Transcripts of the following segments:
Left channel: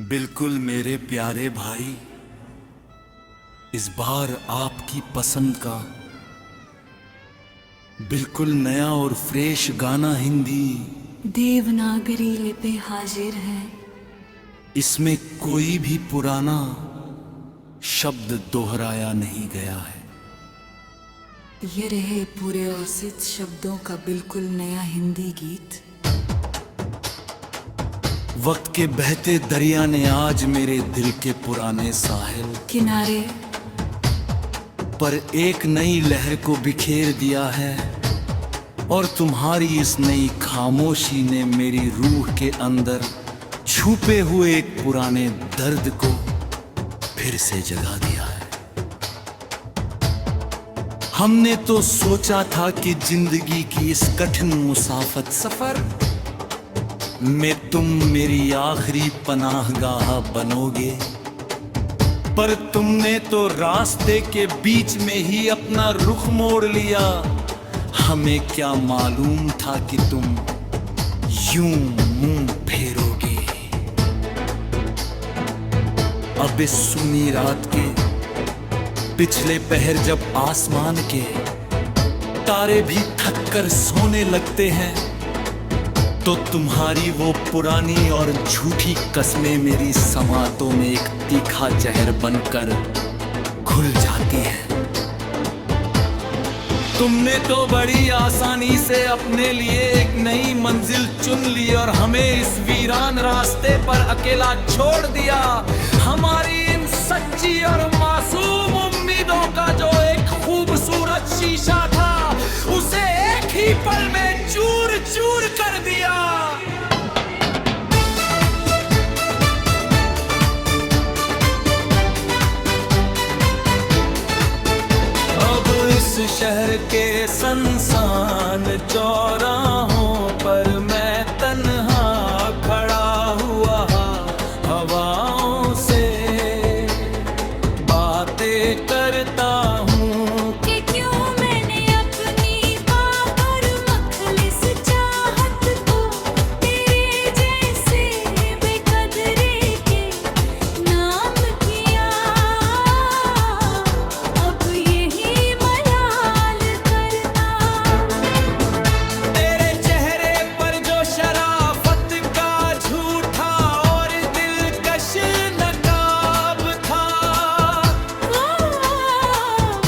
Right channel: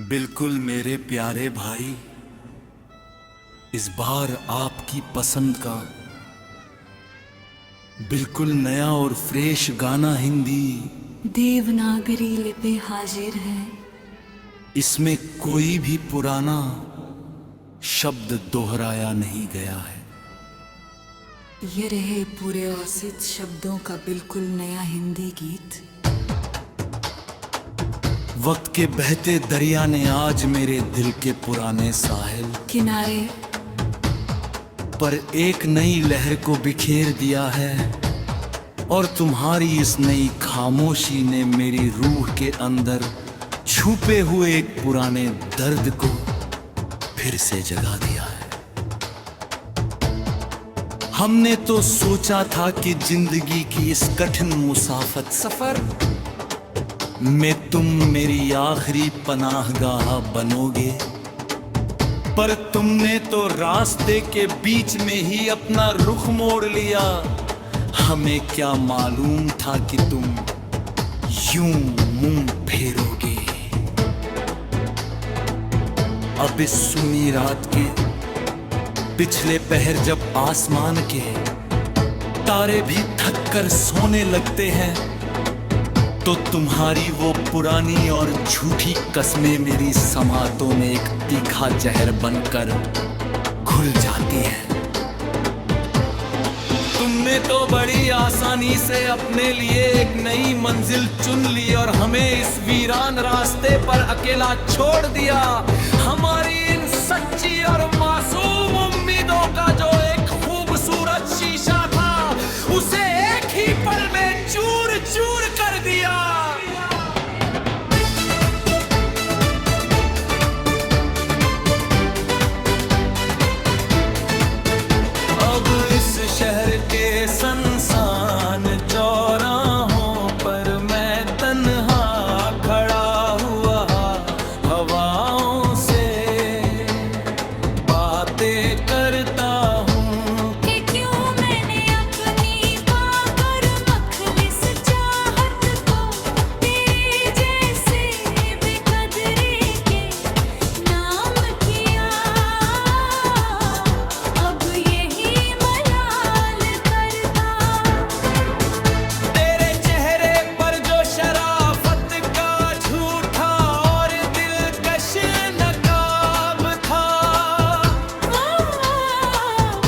बिल्कुल मेरे प्यारे भाई, इस बार आपकी पसंद का बिल्कुल नया और फ्रेश गाना हिंदी। देवनागरी लिपि हाजिर है। इसमें कोई भी पुराना शब्द दोहराया नहीं गया है। ये रहे पूरे औसित शब्दों का बिल्कुल नया हिंदी गीत। वक्त के बहते दरिया ने आज मेरे दिल के पुराने साहिल किनारे पर एक नई लहर को बिखेर दिया है, और तुम्हारी इस नई खामोशी ने मेरी रूह के अंदर छुपे हुए एक पुराने दर्द को फिर से जगा दिया है। हमने तो सोचा था कि जिंदगी की इस कठिन मुसाफत सफर में तुम मेरी आखिरी पनाहगाह बनोगे, पर तुमने तो रास्ते के बीच में ही अपना रुख मोड़ लिया। हमें क्या मालूम था कि तुम यूं मुंह फेरोगे। अब इस सुनी रात के पिछले पहर जब आसमान के तारे भी थक कर सोने लगते हैं, तो तुम्हारी वो पुरानी और झूठी कस्में मेरी समातों में एक तीखा जहर बनकर घुल जाती हैं। तुमने तो बड़ी आसानी से अपने लिए एक नई मंजिल चुन ली और हमें इस वीरान रास्ते पर अकेला छोड़ दिया। हमारी इन सच्ची और मासूम उम्मीदों का जो एक खूबसूरत शीशा था, उसे एक ही पल में चूर चूर कर दिया। अब इस शहर के सुनसान चौराहों पर मैं तन्हा खड़ा हुआ हवाओं से बातें करता हूँ कि क्यों मैंने अपनी पाकर मखलिस चाहत को तेरे जैसे बेकदरे के नाम किया। अब यही मलाल करता तेरे चेहरे पर जो शराफत का झूठा और दिलकश नकाब था,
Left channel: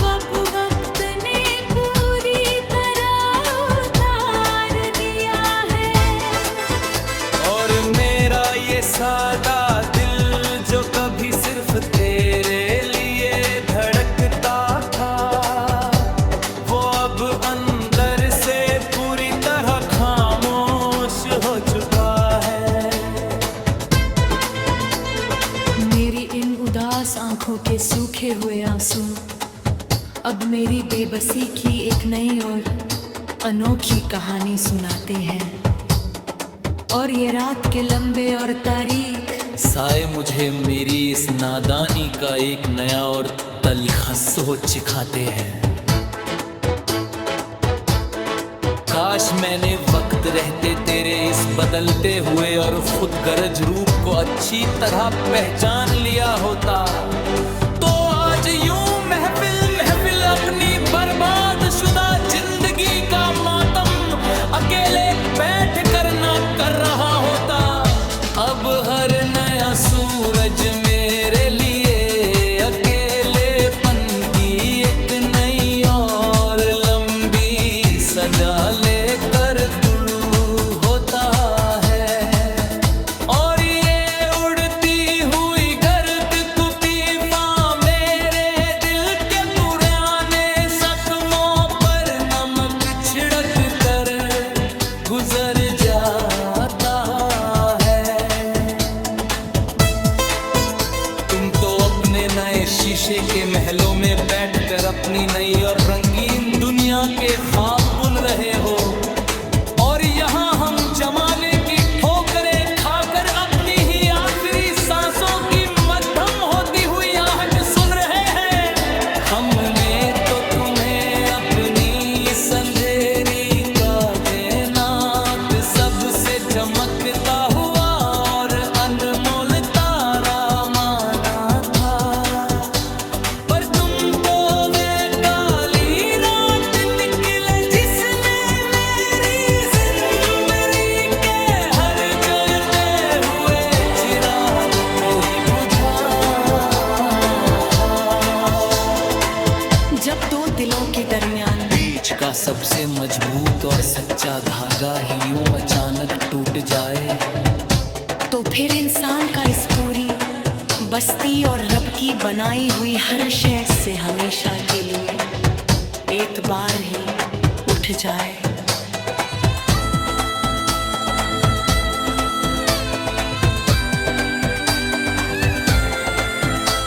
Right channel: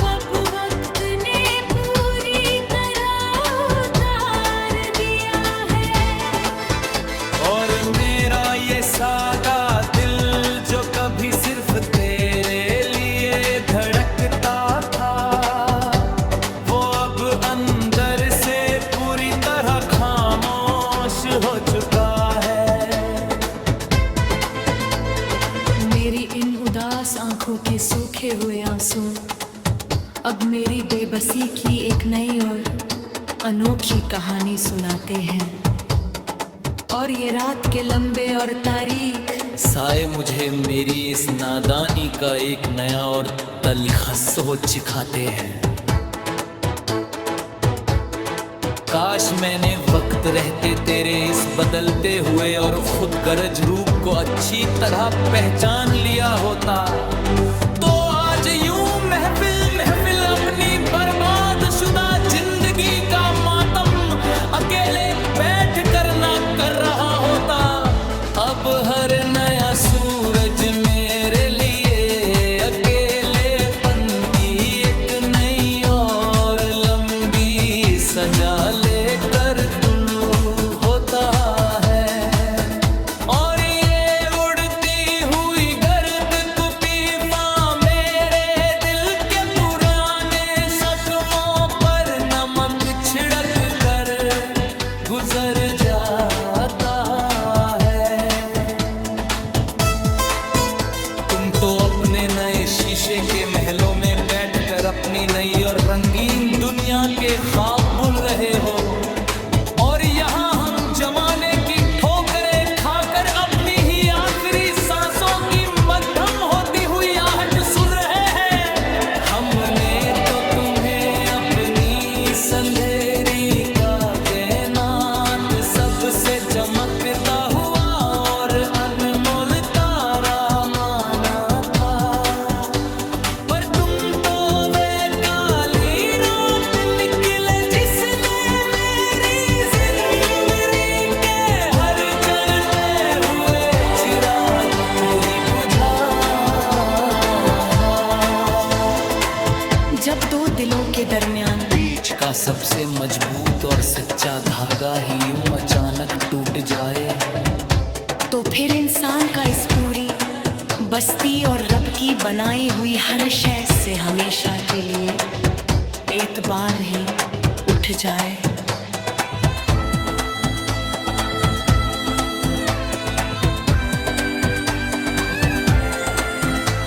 अब वक्त ने पूरी तरह उतार दिया है। और मेरा ये सादा दिल जो कभी सिर्फ तेरे लिए धड़कता था, वो अब अंदर से पूरी तरह खामोश हो चुका है। मेरी इन उदास आंखों के सूखे हुए आंसू अब मेरी बेबसी की एक नई और अनोखी कहानी सुनाते हैं। और ये रात के लंबे और तारीख साए मुझे मेरी इस नादानी का एक नया और तलखा सोच सिखाते हैं। काश मैंने वक्त रहते तेरे इस बदलते हुए और खुद गरज रूप को अच्छी तरह पहचान लिया होता, तो आज यूं महफिल महफिल अपनी बर्बाद शुदा जिंदगी का मातम अकेले बैठ कर ना कर रहा होता। अब हर नया सूरज मेरे लिए अकेलेपन की एक नई और लंबी सजा लेकर तुलू होता है। और ये उड़ती हुई गर्द कुपीफा मेरे दिल के पुराने जख्मों पर नमक छिड़क कर गुजर जाता है। तुम तो अपने नए शीशे के महलों में बैठकर अपनी नई और रंगीन दुनिया के ख्वाब बुन रहे हो, और यहाँ हम जमाने की ठोकरें खाकर अपनी ही आखिरी सांसों की मध्यम होती हुई आहट सुन रहे हैं। हमने तो तुम्हें अपनी इस अंधेरी का कायनात सबसे चमकता हुआ और अनमोल तारा दिलों के दरमियान। बीच का सबसे मजबूत और सच्चा धागा ही यूं अचानक टूट जाए तो फिर इंसान का इस पूरी बस्ती और रब की बनाई हुई हर शय से हमेशा के लिए एतबार ही उठ जाए।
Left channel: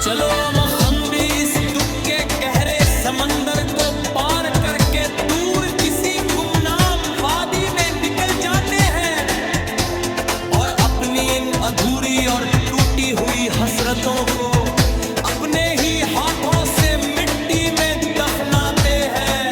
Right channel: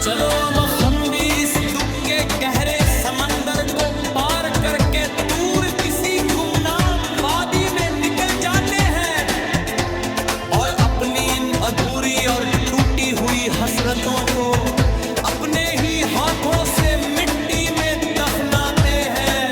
चलो हम भी इस दुख के गहरे समंदर को पार करके दूर किसी गुमनाम वादी में निकल जाते हैं और अपनी इन अधूरी और टूटी हुई हसरतों को अपने ही हाथों से मिट्टी में दफनाते हैं।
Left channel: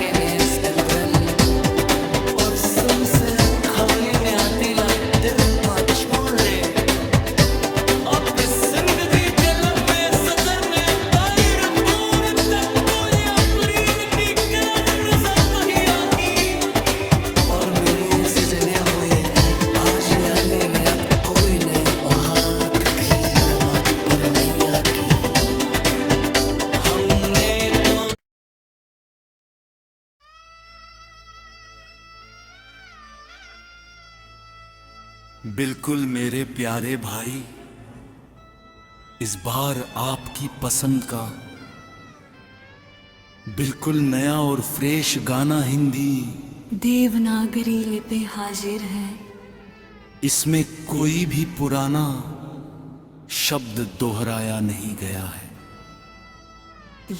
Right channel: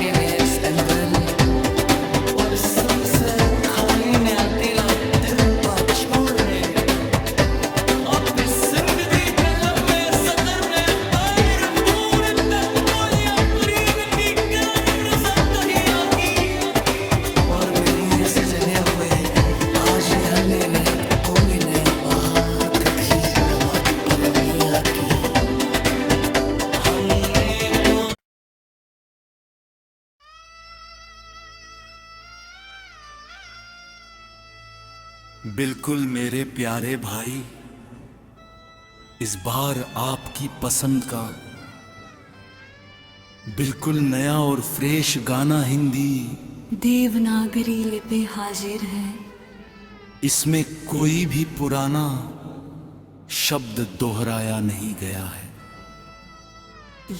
Tienes Andrel और सुन से खाली ने आतीला तिरपा छोड़ दे अब इस जिंदगी कलम में सदर ने तायर दूर तक कोई अपरीद की कलंद सत ही आगी और मेरी इस जगह हुए आज आने ने अब कोई नहीं आहार भी नमक पर नहीं आती। हमने तो बिल्कुल मेरे प्यारे भाई, इस बार आपकी पसंद का बिल्कुल नया और फ्रेश गाना हिंदी देवनागरी लिपि हाजिर है। इसमें कोई भी पुराना शब्द दोहराया नहीं गया है।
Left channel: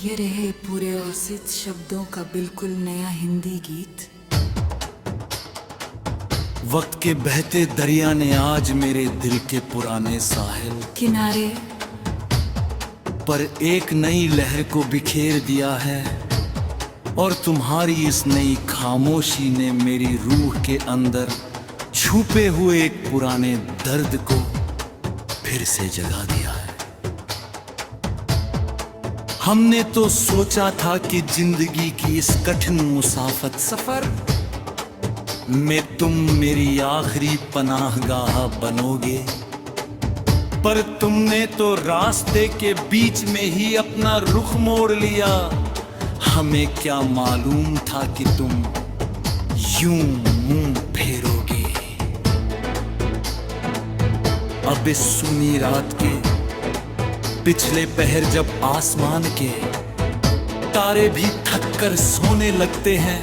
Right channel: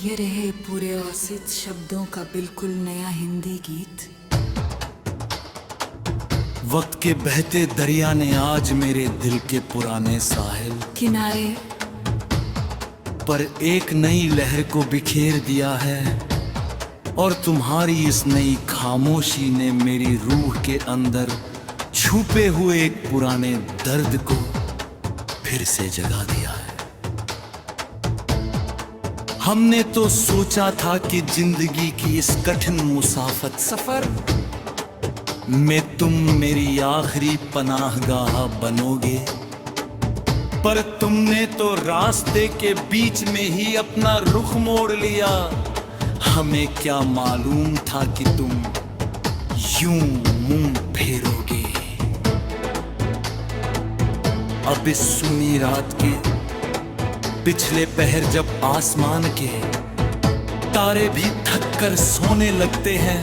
ये रहे पूरे औसित शब्दों का बिल्कुल नया हिंदी गीत। वक्त के बहते दरिया ने आज मेरे दिल के पुराने साहिल किनारे पर एक नई लहर को बिखेर दिया है और तुम्हारी इस नई खामोशी ने मेरी रूह के अंदर छुपे हुए एक पुराने दर्द को फिर से जगा दिया है। हमने तो सोचा था कि जिंदगी की इस कठिन मुसाफत सफर में तुम मेरी आखिरी पनाहगाह बनोगे, पर तुमने तो रास्ते के बीच में ही अपना रुख मोड़ लिया। हमें क्या मालूम था कि तुम यूं मुंह फेरोगे। अब इस सूनी रात के पिछले पहर जब आसमान के तारे भी थक कर सोने लगते हैं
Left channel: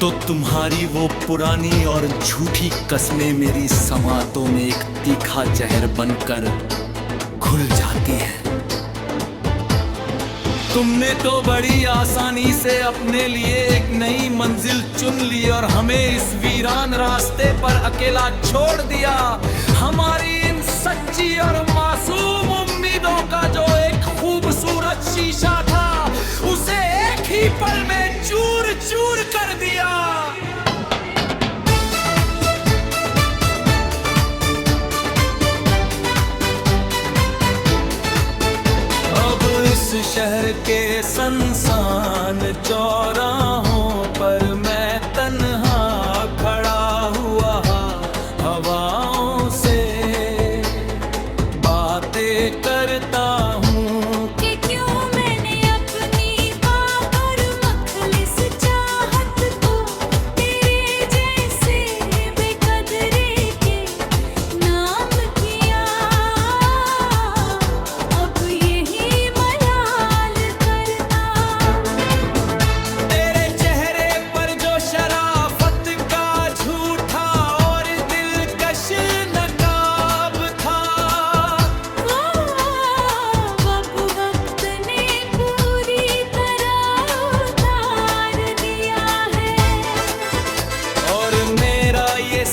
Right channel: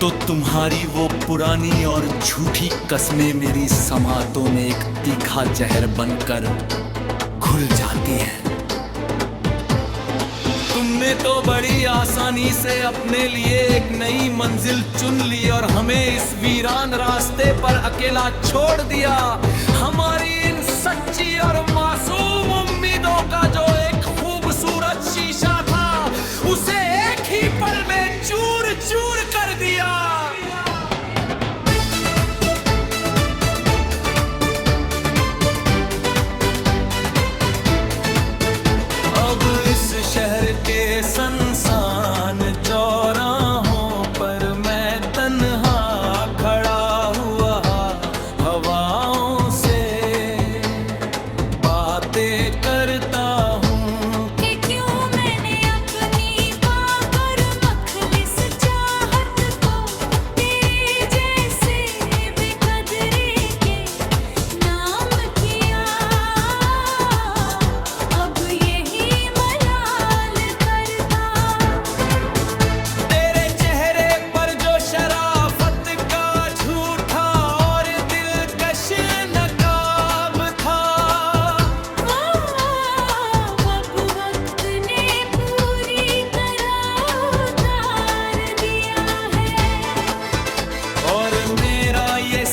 तो तुम्हारी वो पुरानी और झूठी कस्में मेरी समातों में एक तीखा जहर बनकर घुल जाती हैं। तुमने तो बड़ी आसानी से अपने लिए एक नई मंजिल चुन ली और हमें इस वीरान रास्ते पर अकेला छोड़ दिया। हमारी इन सच्ची और मासूम उम्मीदों का जो एक खूबसूरत शीशा था उसे एक ही पल में चूर चूर कर दिया। अब इस शहर के सुनसान चौराहों पर मैं तन्हा खड़ा हुआ हवाओं से बातें करता हूँ कि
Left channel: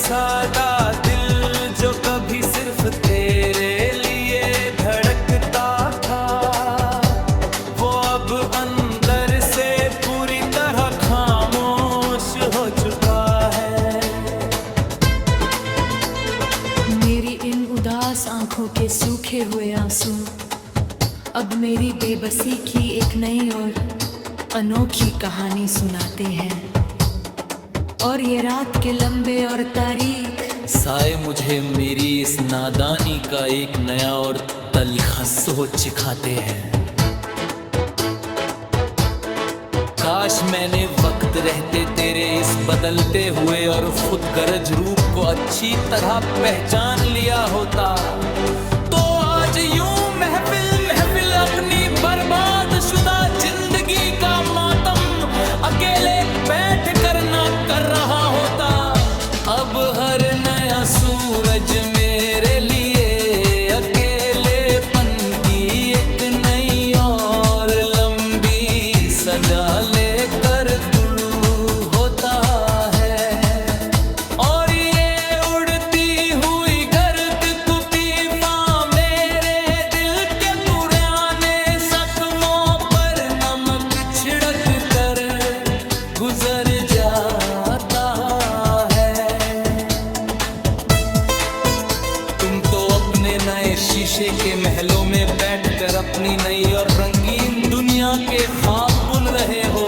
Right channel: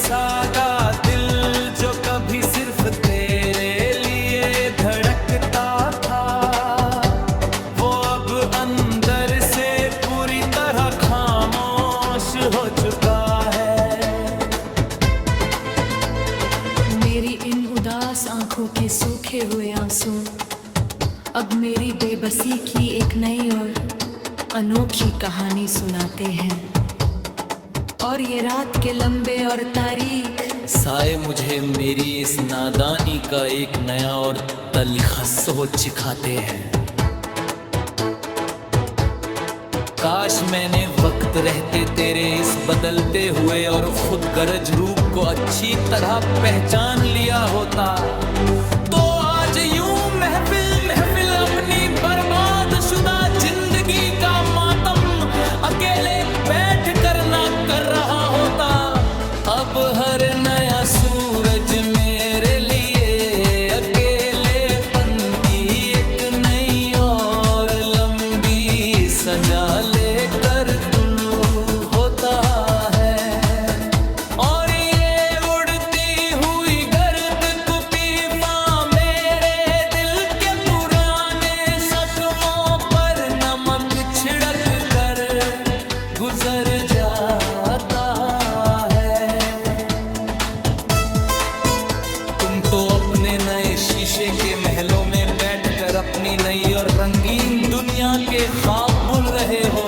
सा का दिल जो कभी सिर्फ तेरे लिए धड़कता था, वो अब अंदर से पूरी तरह खामोश हो चुका है। मेरी इन उदास आंखों के सूखे हुए आंसू अब मेरी बेबसी की एक नई और अनोखी कहानी सुनाते हैं। और ये रात के लंबे और तारीख साए मुझे मेरी इस नादानी का एक नया और तलखा सोच सिखाते हैं। काश मैंने वक्त रहते तेरे इस बदलते हुए और खुद गरज रूप को अच्छी तरह पहचान लिया होता, तो आज यूं महफिल महफिल अपनी बर्बाद शुदा जिंदगी का मातम अकेले बैठ कर ना कर रहा होता। अब हर नया सूरज मेरे लिए अकेलेपन की एक नई और लंबी सजा लेकर तुलू होता है। और ये उड़ती हुई गर्द कुपीफा मेरे दिल के पुराने जख्मों पर नमक छिड़क कर गुजर जाता है। तुम तो अपने नए शीशे के महलों में बैठकर अपनी नई और रंगीन दुनिया के ख्वाब बुन रहे हो,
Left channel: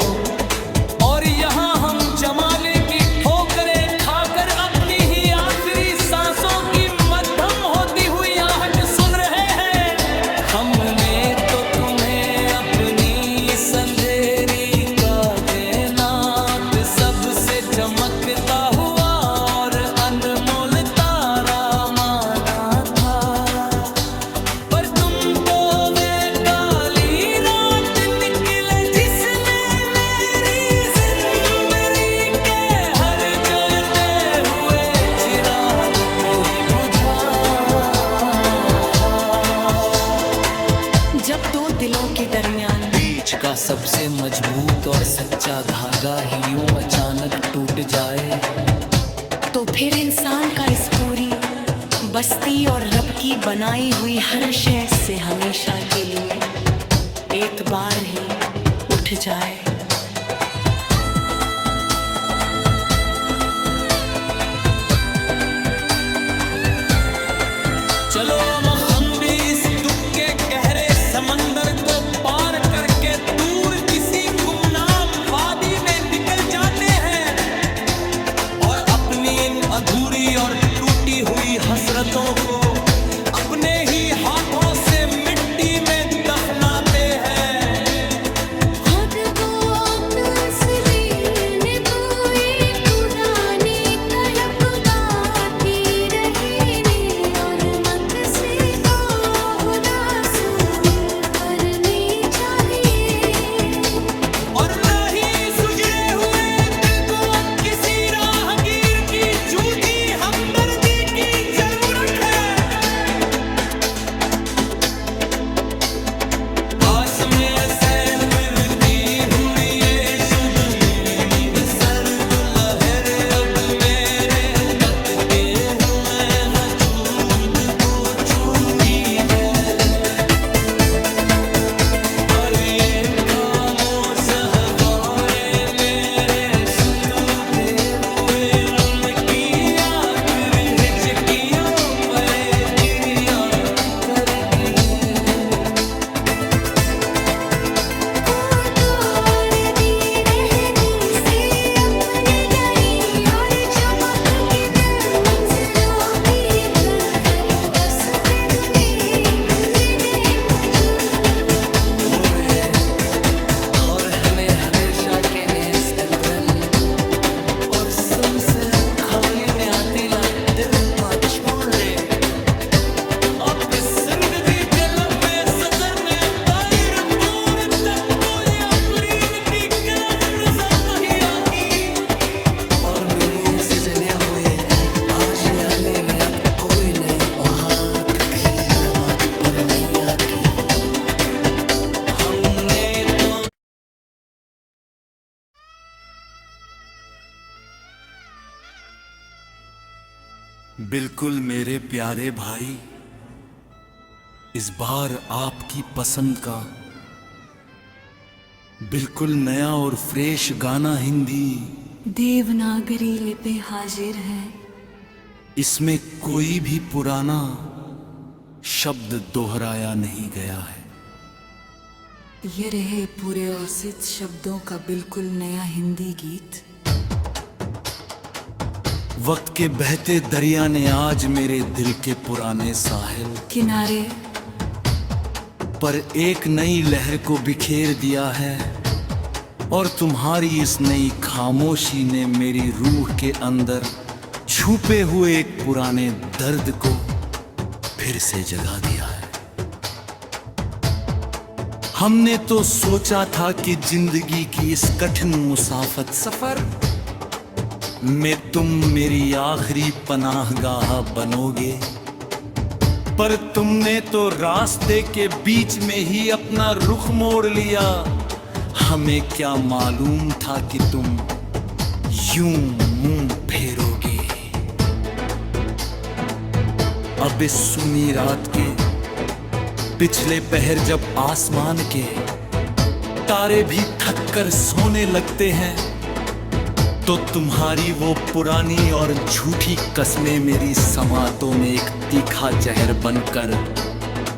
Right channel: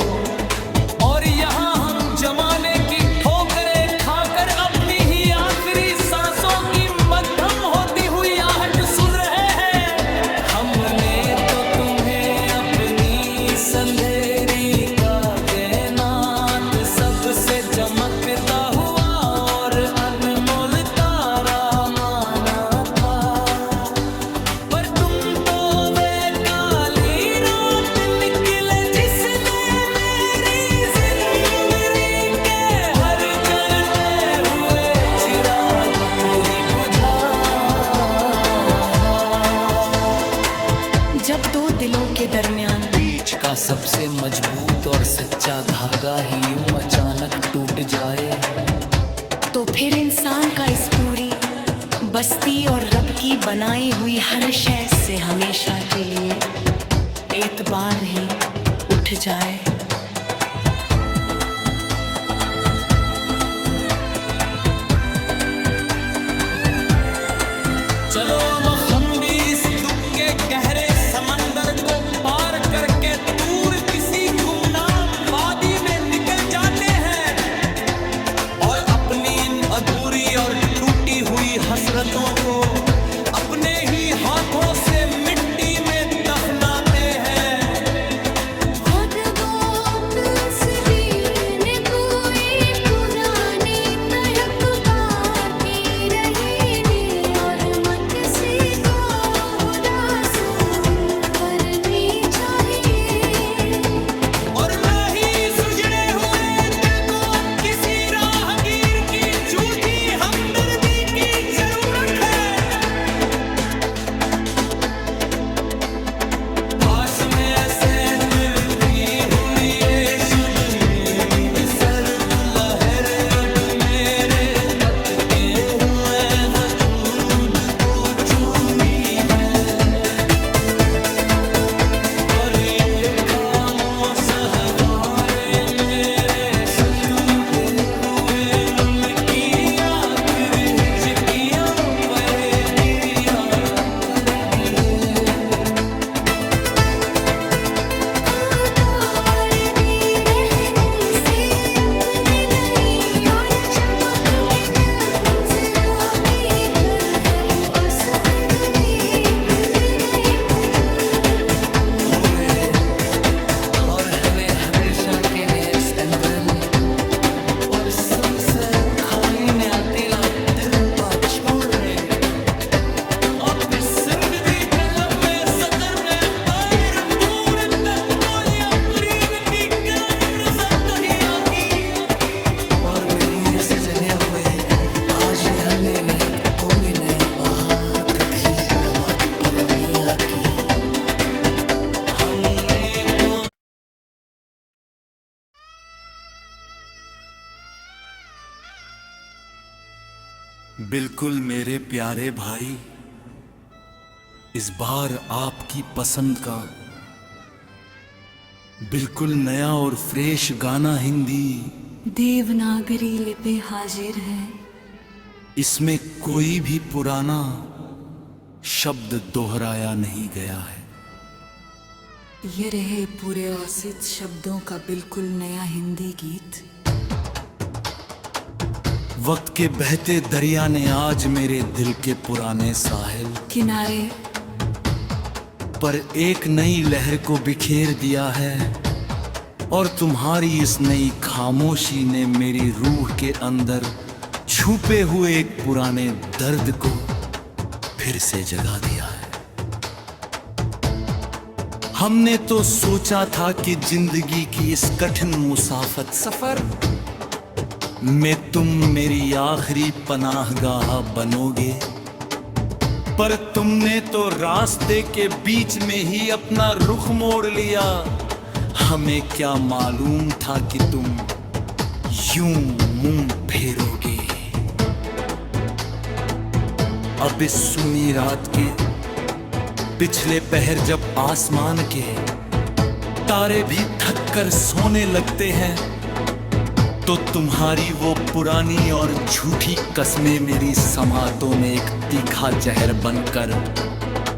और यहाँ हम जमाने की ठोकरें खाकर अपनी ही आखिरी सांसों की मध्यम होती हुई आहट सुन रहे हैं। हमने तो तुम्हें अपनी इस अंधेरी का कायनात सबसे चमकता हुआ और अनमोल तारा माना था, पर तुम तो वे काली रात निकले जिसने मेरी जिंदगी के हर जलते हुए चिराग को ही बुझा। जब दो दिलों के दरमियान बीच का सबसे मजबूत और सच्चा धागा ही यूं अचानक टूट जाए, तो फिर इंसान का इस पूरी बस्ती और रब की बनाई हुई हर शय से हमेशा के लिए एतबार ही उठ जाए। चलो हम भी इस दुख के गहरे समंदर को पार करके दूर किसी गुमनाम वादी में निकल जाते हैं, और अपनी इन अधूरी और टूटी हुई हसरतों को अपने ही हाथों से मिट्टी में दफनाते हैं। खुद वो तस्वीर ने कोई पुरानी तड़प बाकी रही ने, और मत से हुदासून करनी चाहिए। और ना ही सुजड़े हुए दिल को अब किसी राहगीर की झूठी हमदर्दी की जरूरत है। पास में से फिरती हुई ये शुद्ध में सर तू लहर अब मेरे तक के हुए वजूद को चूरी है। और ये खामोश हवाएं मेरे सुतूदे हुए लुल की आखिरी हिचकियों पर क्रिया करती है। हो मेरे और हमें हमेशा के नेस एंड्रल और सुन से खाई ने आतीला तिरपा छोड़ दे। अब इस जिंदगी के लम्बे सफर ने पैर दूर तक कोई अपलीद की कलंद सख्त ही आकी, और मेरी इस जगह हुए आज आने में अब कोई नहीं आहट भी नमक नहीं आती। हमने तो बिल्कुल मेरे प्यारे भाई, इस बार आपकी पसंद का बिल्कुल नया और फ्रेश गाना हिंदी। देवनागरी लिपि हाजिर है। इसमें कोई भी पुराना शब्द दोहराया नहीं गया है। ये रहे पूरे औसित शब्दों का बिल्कुल नया हिंदी गीत। वक्त के बहते दरिया ने आज मेरे दिल के पुराने साहिल किनारे पर एक नई लहर को बिखेर दिया है, और तुम्हारी इस नई खामोशी ने मेरी रूह के अंदर छुपे हुए एक पुराने दर्द को फिर से जगा दिया है। हमने तो सोचा था कि जिंदगी की इस कठिन मुसाफत सफर में तुम मेरी आखिरी पनाहगाह बनोगे, पर तुमने तो रास्ते के बीच में ही अपना रुख मोड़ लिया। हमें क्या मालूम था कि तुम यूं मुंह फेरोगे। अब इस सुनी रात के पिछले पहर जब आसमान के तारे भी थक कर सोने लगते हैं, तो तुम्हारी वो पुरानी और झूठी कस्में मेरी समातों में एक तीखा जहर बनकर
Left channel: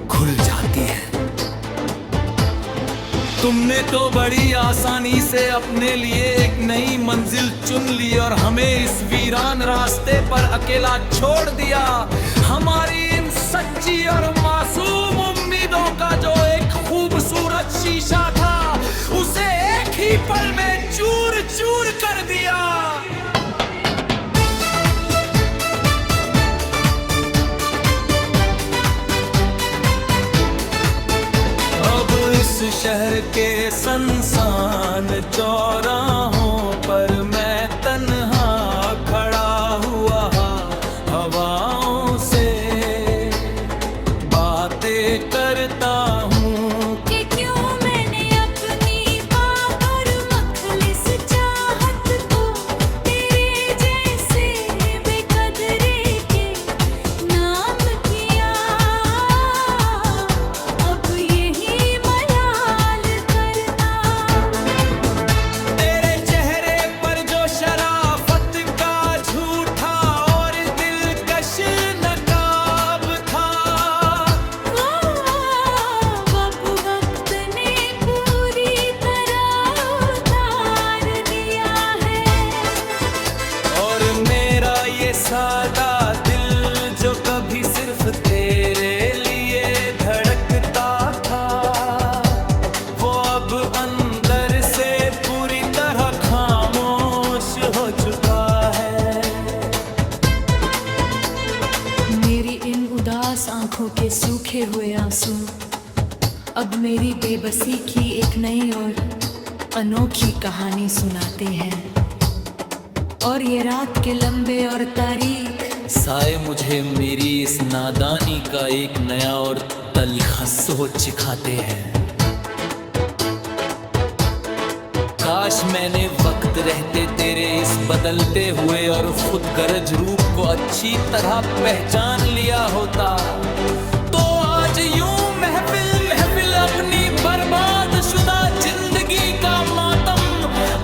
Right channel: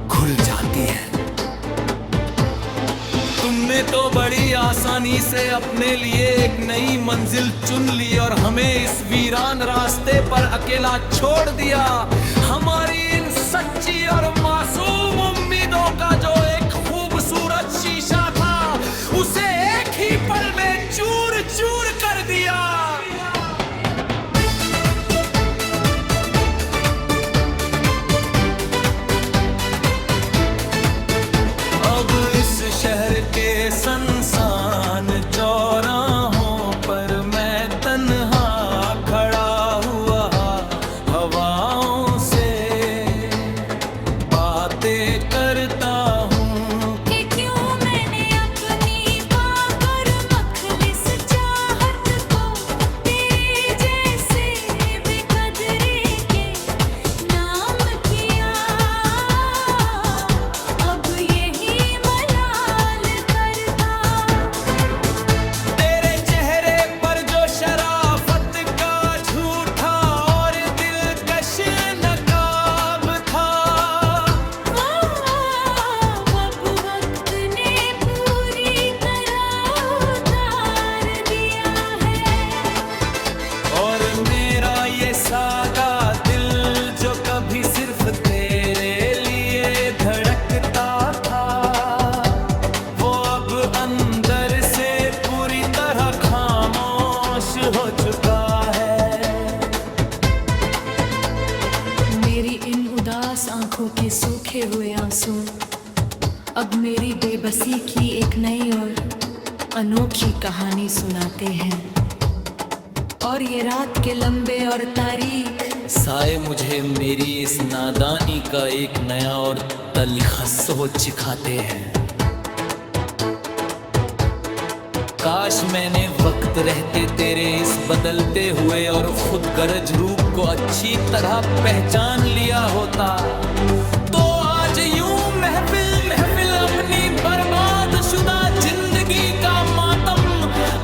घुल जाती है। तुमने तो बड़ी आसानी से अपने लिए एक नई मंजिल चुन ली और हमें इस वीरान रास्ते पर अकेला छोड़ दिया। हमारी इन सच्ची और मासूम उम्मीदों का जो एक खूबसूरत शीशा था, उसे एक ही पल में चूर चूर कर दिया। अब इस शहर के सुनसान चौराहों पर मैं तन्हा खड़ा हुआ हवाओं से बातें करता हूँ कि क्यों मैंने अपनी पाकर मखलिस चाहत को तेरे जैसे बेकदरे के नाम किया। अब यही मलाल करता। तेरे चेहरे पर जो शराफत का झूठा और दिलकश नकाब था, अब वक्त ने पूरी तरह उतार दिया है। और मेरा ये सादा दिल जो कभी सिर्फ तेरे लिए धड़कता था, वो अब अंदर से पूरी तरह खामोश हो चुका है। मेरी इन उदास आंखों के सूखे हुए आंसू अब मेरी बेबसी की एक नई और अनोखी कहानी सुनाते हैं। और ये रात के लंबे और तारीख साए मुझे मेरी इस नादानी का एक नया और तलखा सोच सिखाते हैं। काश मैंने वक्त रहते तेरे इस बदलते हुए और खुद गरज रूप को अच्छी तरह पहचान लिया होता, तो आज यूं महफिल महफिल अपनी बर्बाद शुदा जिंदगी का मातम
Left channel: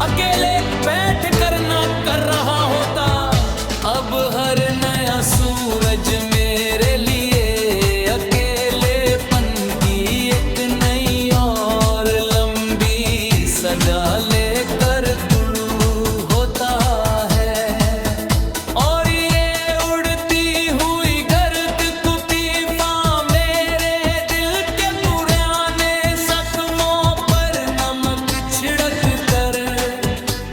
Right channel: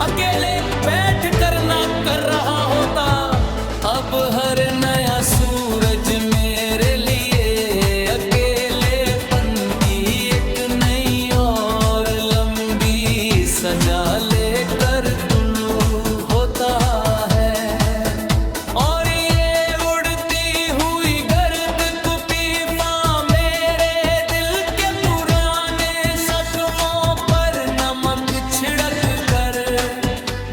अकेले बैठ कर ना कर रहा होता। अब हर नया सूरज मेरे लिए अकेलेपन की एक नई और लंबी सजा लेकर तुलू होता है। और ये उड़ती हुई गर्द कुपीफा मेरे दिल के पुराने जख्मों पर नमक छिड़क कर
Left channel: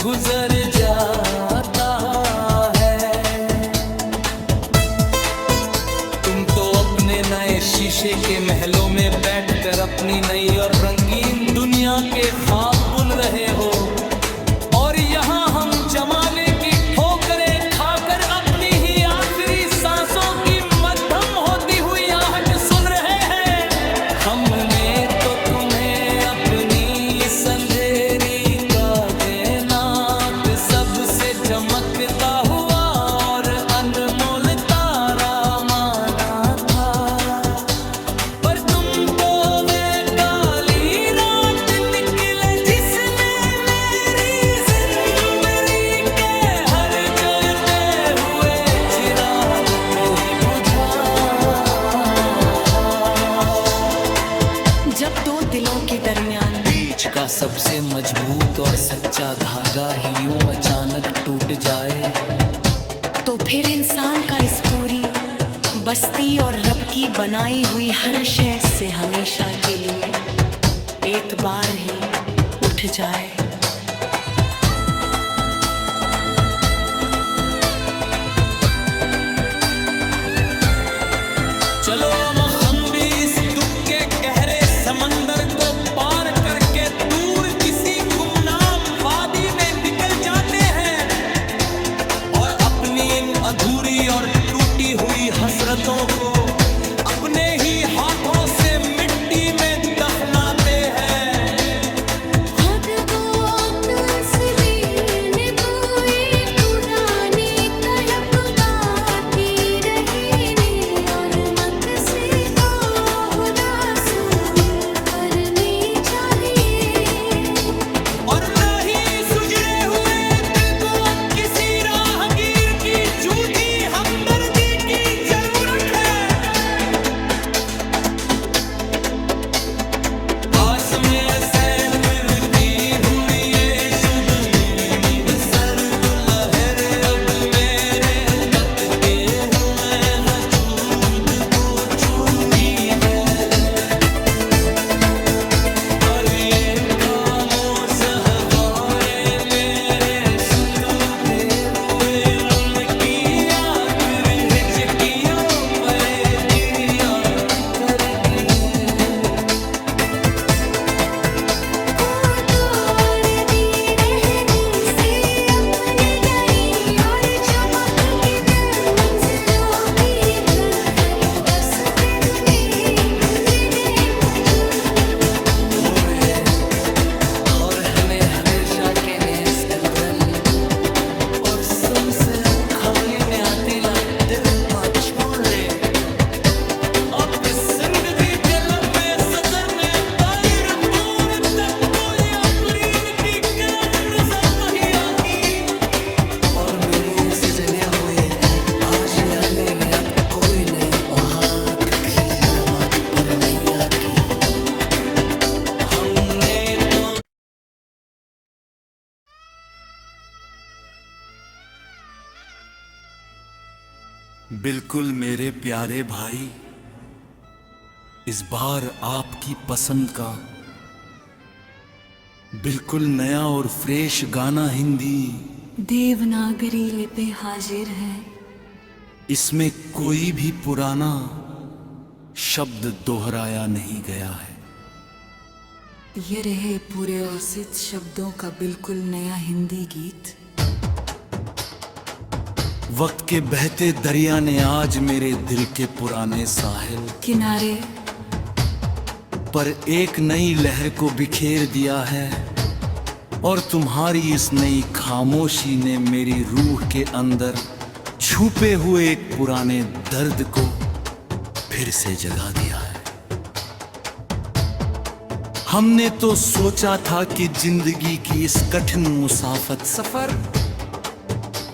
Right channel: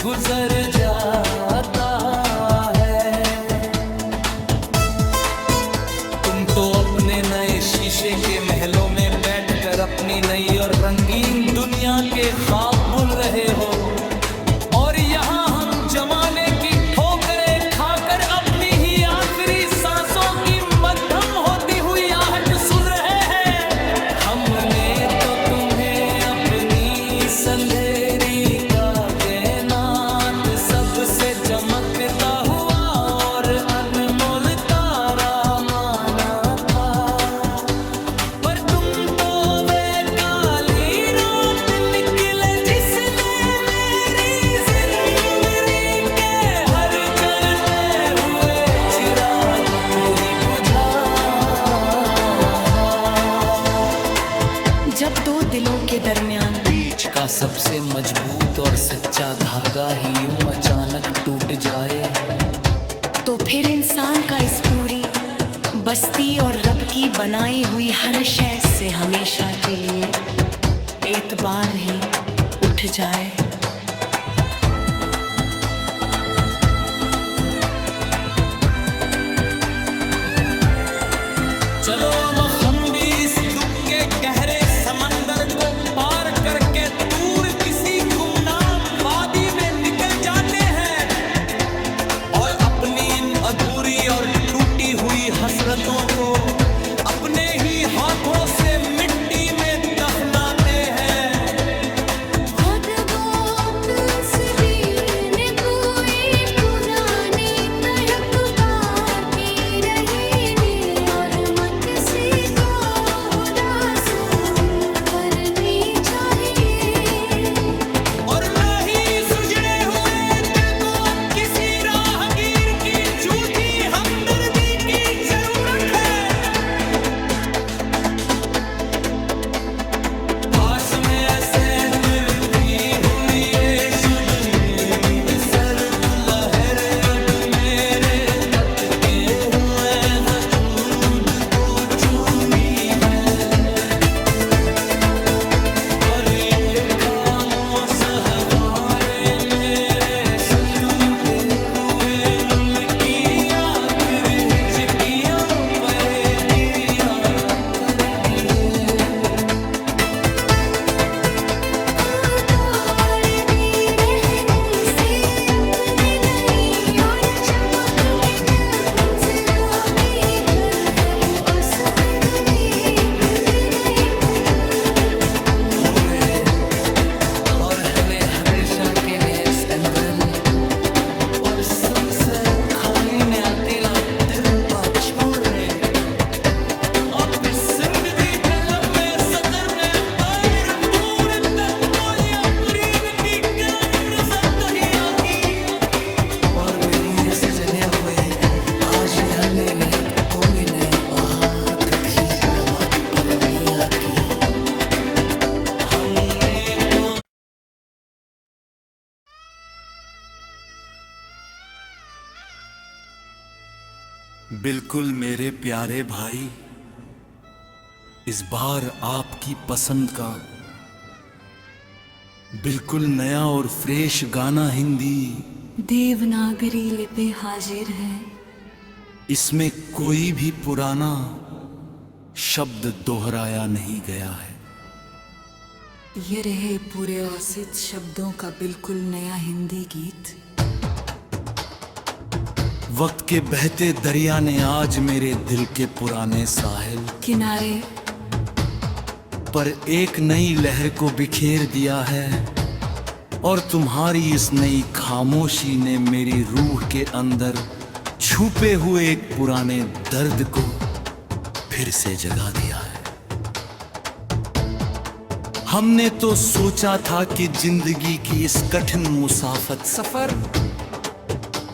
गुजर जाता है। तुम तो अपने नए शीशे के महलों में बैठकर अपनी नई और रंगीन दुनिया के ख्वाब बुन रहे हो, और यहाँ हम जमाने की ठोकरें खाकर अपनी ही आखिरी सांसों की मध्यम होती हुई आहट सुन रहे हैं। हमने तो तुम्हें अपनी इस अंधेरी का कायनात सबसे चमकता हुआ और अनमोल ताज जब दो दिलों के दरमियान बीच का सबसे मजबूत और सच्चा धागा ही यूं अचानक टूट जाए, तो फिर इंसान का इस पूरी बस्ती और रब की बनाई हुई हर शय से हमेशा के लिए एतबार ही उठ जाए। चलो हम भी इस दुख के गहरे समंदर को पार करके दूर किसी गुमनाम वादी में निकल जाते हैं और अपनी इन अधूरी और टूटी हुई हसरतों को अपने ही हाथों से मिट्टी में दफनाते हैं। खुद गोद से भी कोई पुरानी तड़प बाकी रही ने और मत से उदासून करनी चाहिए और न ही सुजड़े हुए दिल को अब किसी राहगीर की झूठी हमदर्दी की जरूरत है। आस में से फिरती हुर्रिये शुद्ध में सर को लहर अब मेरे तक के हुए वजूद को चूरी है और ये खामोश हवाएं मेरे सुतूते रुए लुलकी आखिर हिचकियों पर क्रिया करती है। और हमें हमेशा के नेस एंड्रल और सुन से खाने ने आती ला तिरपा छोड़ दे अब इस जिंदगी कलम में सदर ने तायर दूर तक कोई अपलीद की कलंद सब ही आकी और मेरी इस जगह हुए आज आने ने अब कोई नहीं वहाँ कभी नमक पर नहीं आती। हमने तो बिल्कुल मेरे प्यारे भाई, इस बार आपकी पसंद का बिल्कुल नया और फ्रेश गाना हिंदी देवनागरी लिपि हाजिर है। इसमें कोई भी पुराना शब्द दोहराया नहीं गया है। ये रहे पूरे औसित शब्दों का बिल्कुल नया हिंदी गीत। वक्त के बहते दरिया ने आज मेरे दिल के पुराने साहिल किनारे पर एक नई लहर को बिखेर दिया है और तुम्हारी इस नई खामोशी ने मेरी रूह के अंदर छुपे हुए एक पुराने दर्द को फिर से जगा दिया है। हमने तो सोचा था कि जिंदगी की इस कठिन मुसाफत सफर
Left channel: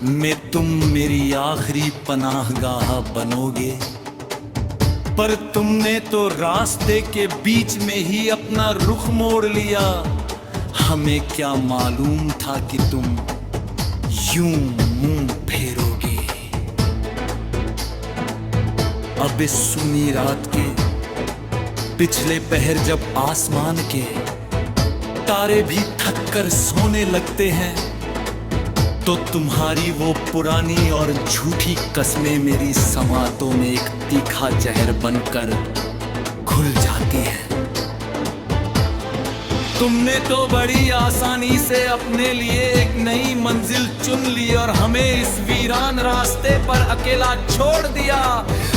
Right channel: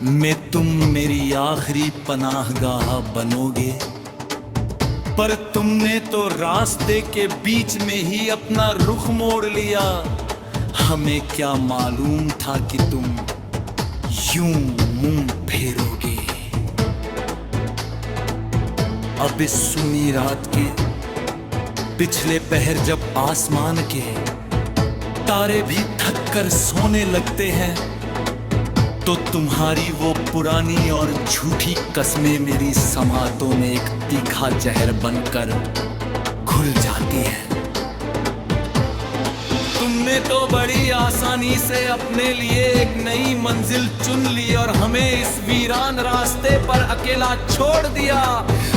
में तुम मेरी आखिरी पनाहगाह बनोगे, पर तुमने तो रास्ते के बीच में ही अपना रुख मोड़ लिया। हमें क्या मालूम था कि तुम यूं मुंह फेरोगे। अब इस सुनी रात के पिछले पहर जब आसमान के तारे भी थक कर सोने लगते हैं, तो तुम्हारी वो पुरानी और झूठी कस्में मेरी समातों में एक तीखा जहर बनकर घुल जाती हैं। तुमने तो बड़ी आसानी से अपने लिए एक नई मंजिल चुन ली और हमें इस वीरान रास्ते पर अकेला छोड़ दिया।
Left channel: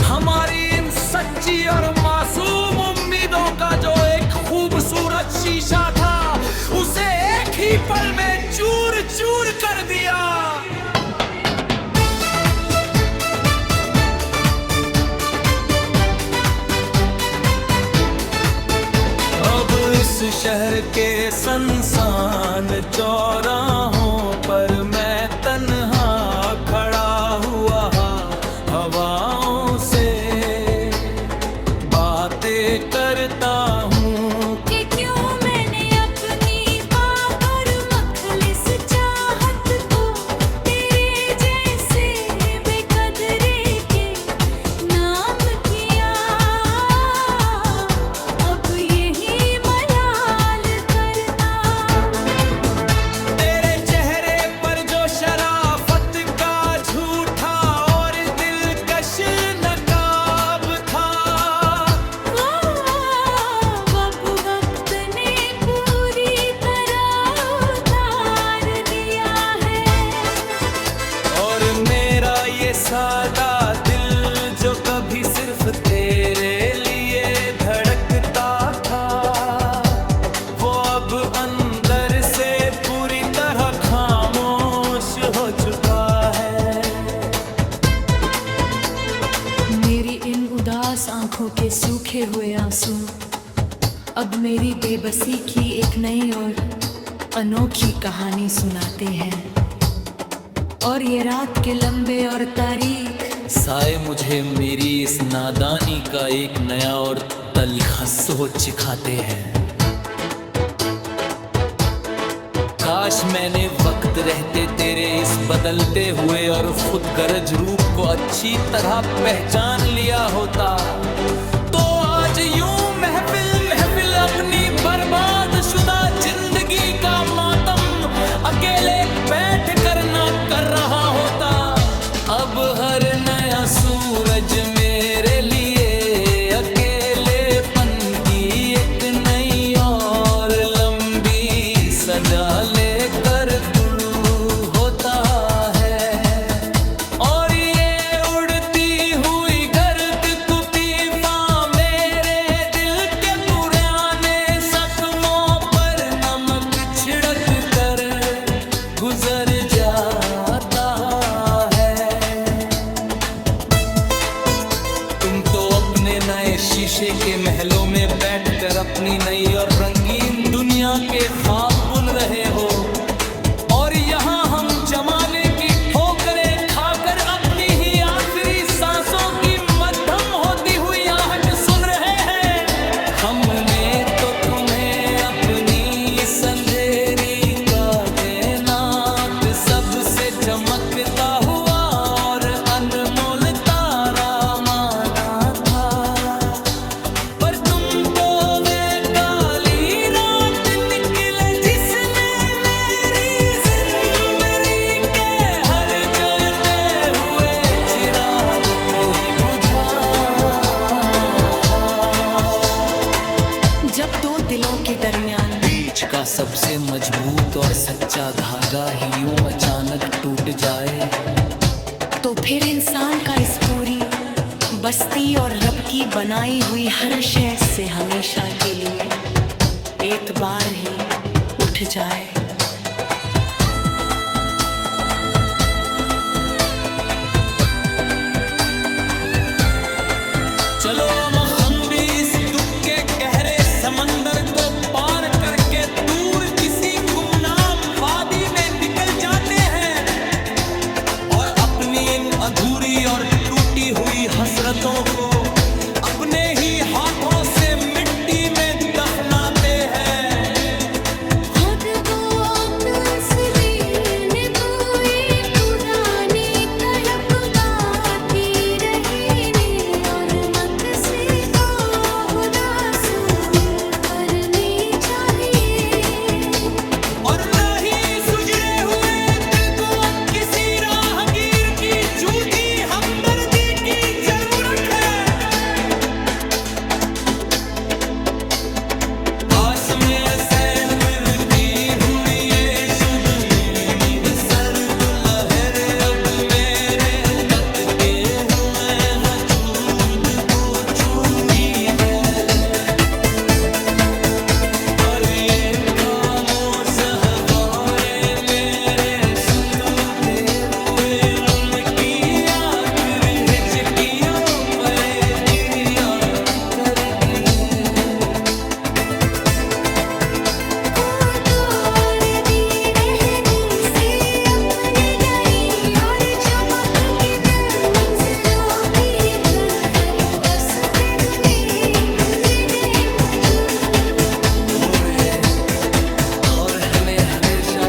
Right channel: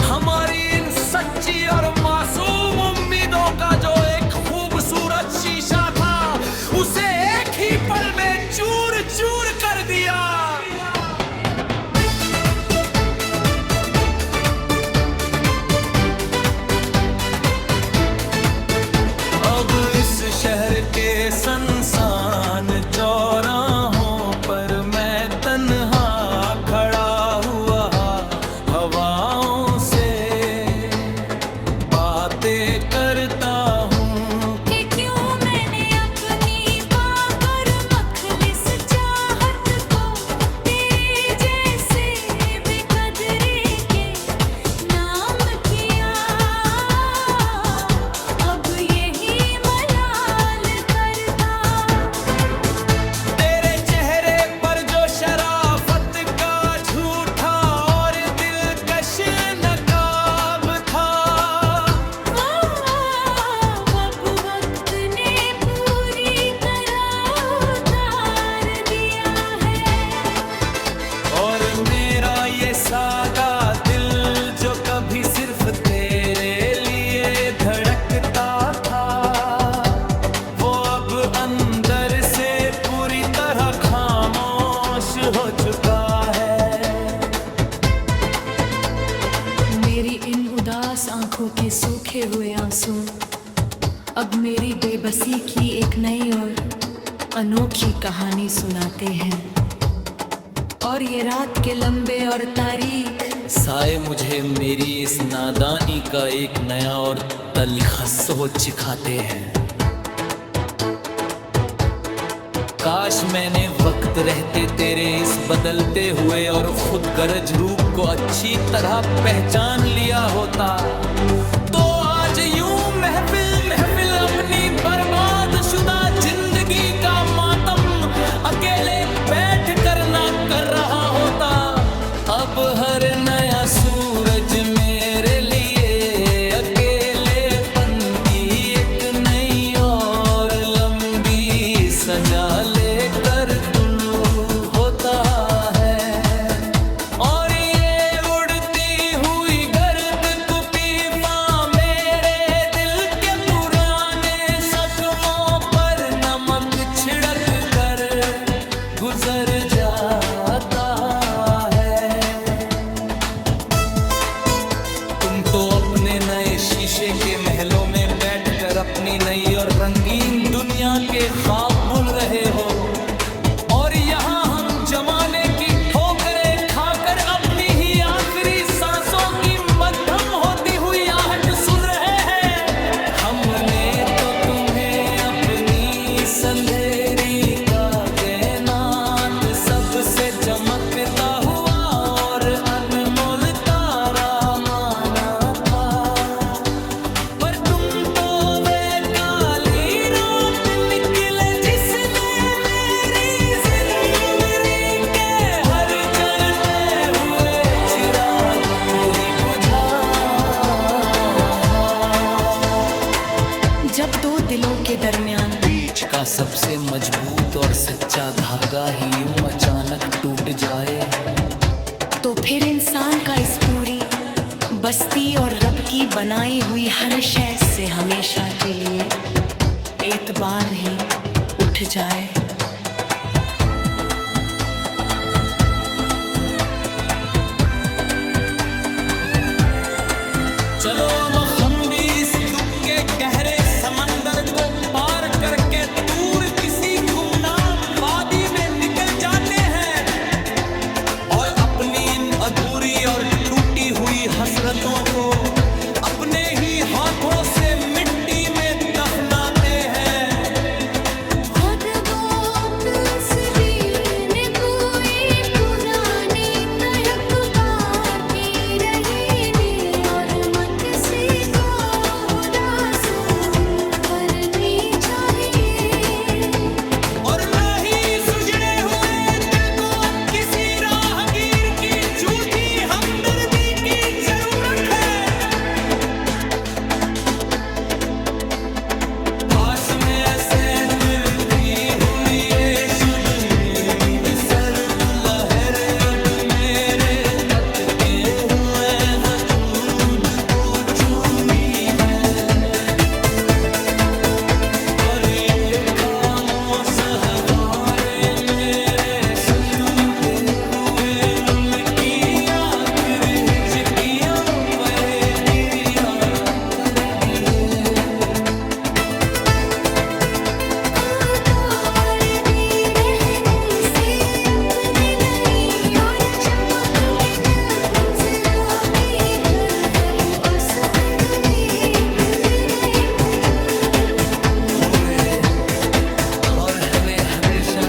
हमारी इन सच्ची और मासूम उम्मीदों का जो एक खूबसूरत शीशा था, उसे एक ही पल में चूर चूर कर दिया। अब इस शहर के संसान चौराहों पर मैं तन्हा खड़ा हुआ हवाओं से बातें करता हूँ। सादा दिल जो कभी सिर्फ तेरे लिए धड़कता था, वो अब अंदर से पूरी तरह खामोश हो चुका है। मेरी इन उदास आंखों के सूखे हुए आंसू अब मेरी बेबसी की एक नई और अनोखी कहानी सुनाते हैं। और ये रात के लंबे और तारीख साए मुझे मेरी इस नादानी का एक नया और तलखा सोच सिखाते हैं। काश मैंने वक्त रहते तेरे इस बदलते हुए और खुद गरज रूप को अच्छी तरह पहचान लिया होता, तो आज यूं महफिल महफिल अपनी बर्बाद शुदा जिंदगी का मातम अकेले बैठ कर ना कर रहा होता। अब हर नया सूरज मेरे लिए अकेलेपन की एक नई और लंबी सजा लेकर तुलू होता है। और ये उड़ती हुई गर्द कुपीफा मेरे दिल के पुराने जख्मों पर नमक छिड़क कर गुजर जाता है। तुम तो अपने नए शीशे के महलों में बैठकर अपनी नई और रंगीन दुनिया के ख्वाब बुन रहे हो, और यहाँ हम जमाने की ठोकरें खाकर अपनी ही आखिरी सांसों की मध्यम होती हुई आहट सुन रहे हैं। हमने तो तुम्हें अपनी इस अंधेरी का कायनात सबसे चमकता हुआ और अनमोल तारा माना था, पर तुम तो वे काली रात निकले जिसने मेरी जिंदगी के हर जलते हुए चिराग को ही बुझा। जब दो दिलों के दरमियान बीच का सबसे मजबूत और सच्चा धागा ही यूं अचानक टूट जाए, तो फिर इंसान का इस पूरी बस्ती और रब की बनाई हुई हर शय से हमेशा के लिए एतबार ही उठ जाए। चलो हम भी इस दुख के गहरे समंदर को पार करके दूर किसी गुमनाम वादी में निकल जाते हैं, और अपनी इन अधूरी और टूटी हुई हसरतों को अपने ही हाथों से मिट्टी में दफनाते हैं। खुद गोद से बीन कोई पुरानी तड़प बाकी रही नी, और मत से को उदासून करनी चाहिए। और न ही सुजड़े हुए दिल को अब किसी राहगीर की झूठी हमदर्दी की जरूरत है। आस में से फिरती हुई ये शुद्ध में सर तू लहर अब मेरे पत के हुए वजूद को चूरी है, और ये खामोश हवारे मेरे सुतूते हुए लुल की आखिर हिचकियों पर क्रिया करती है।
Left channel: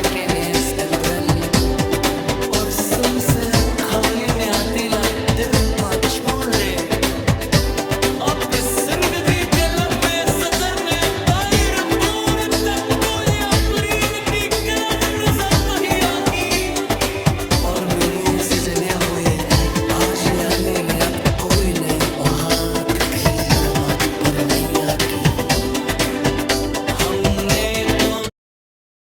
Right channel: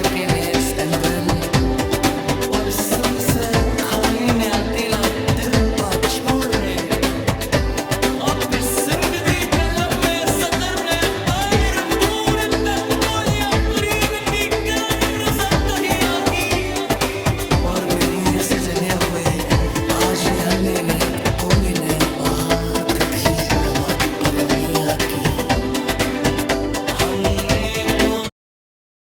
के नेस एंड्रल और सुन से खाने ने आतीला तिरपा छोड़ दे। अब इस जिंदगी के लम्बे सफर ने पैर दूर तक कोई अपरीद की कलंद सब ही आगी, और मेरी इस जगह हुए आज यानी ने अब कोई नहीं आहत भी नमक पर नहीं आती। हमने तो